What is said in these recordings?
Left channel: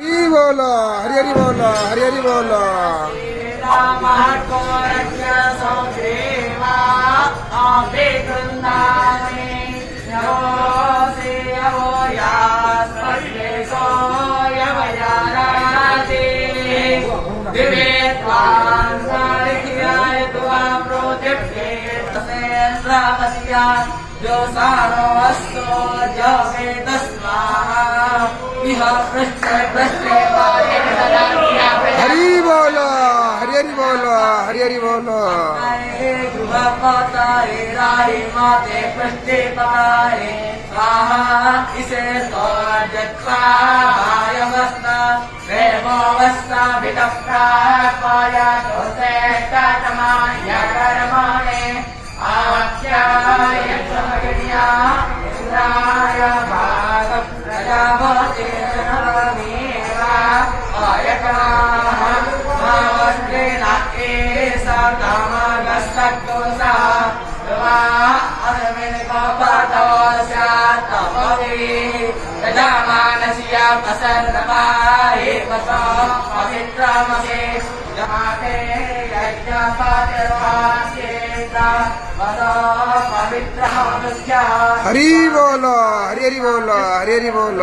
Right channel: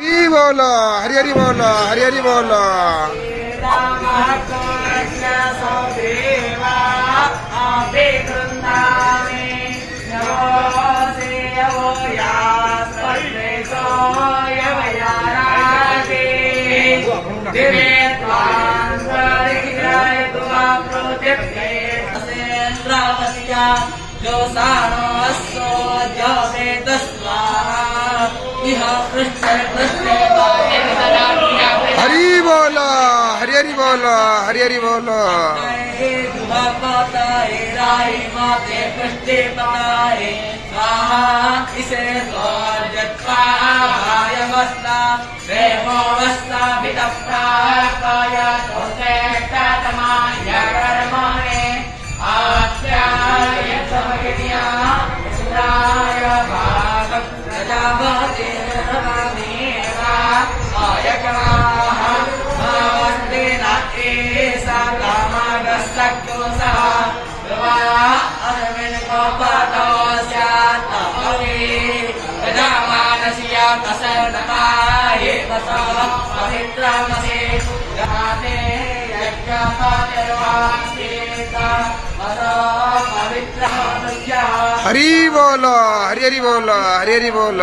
हरि बोल हरि हरि बोल हरि हरि बोल जो साणोऽस्यो जवेदस्वाहा इह पृष्ठे पृष्ठे हरि बोल हरि हरि बोल हरि हरि बोल माते पृष्ठे पारे स्वाहा इसे स्वजत्वायमस्ता प्रेमोऽवस्था वितप्ता पाया तोसे तमाय कर्माणे आख्याय समयदिया इन्द्राय भागं प्रजापते नमेवा आयकराः भावन्तेन एसा कामागस्तक्तोसा वा अरविन्दोपतो स्यात्तपवे प्रजामानस्या प्रसन्नवाये पतो पवित्रमसे गाते यज्ञपतिर्वाक्येता हरि बोल हरि हरि बोल हरि हरि बोल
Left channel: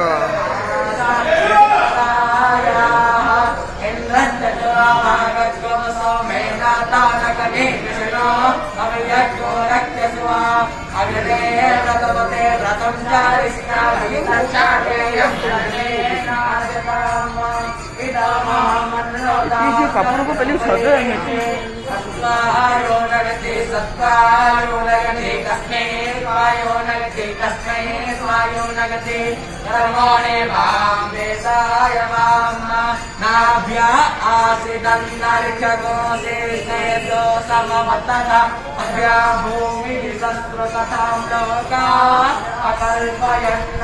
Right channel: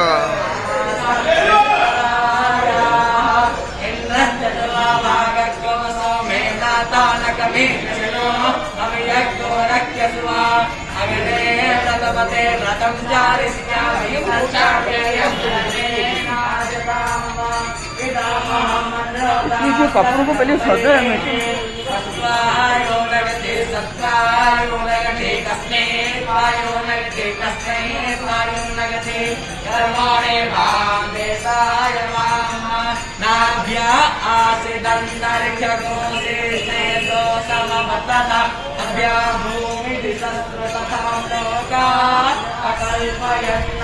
कपड़ों को पहले सजा सत्कारो नगते कस्मै त्वायो नगते कस्मै त्वायो नगते कर्मणे वां देशाय वां नाभ्या आसिदन्तरिक्षगोसे स्नेतो सममतः अभ्या भूमिः संस्कृततां लोका अकल्पयन्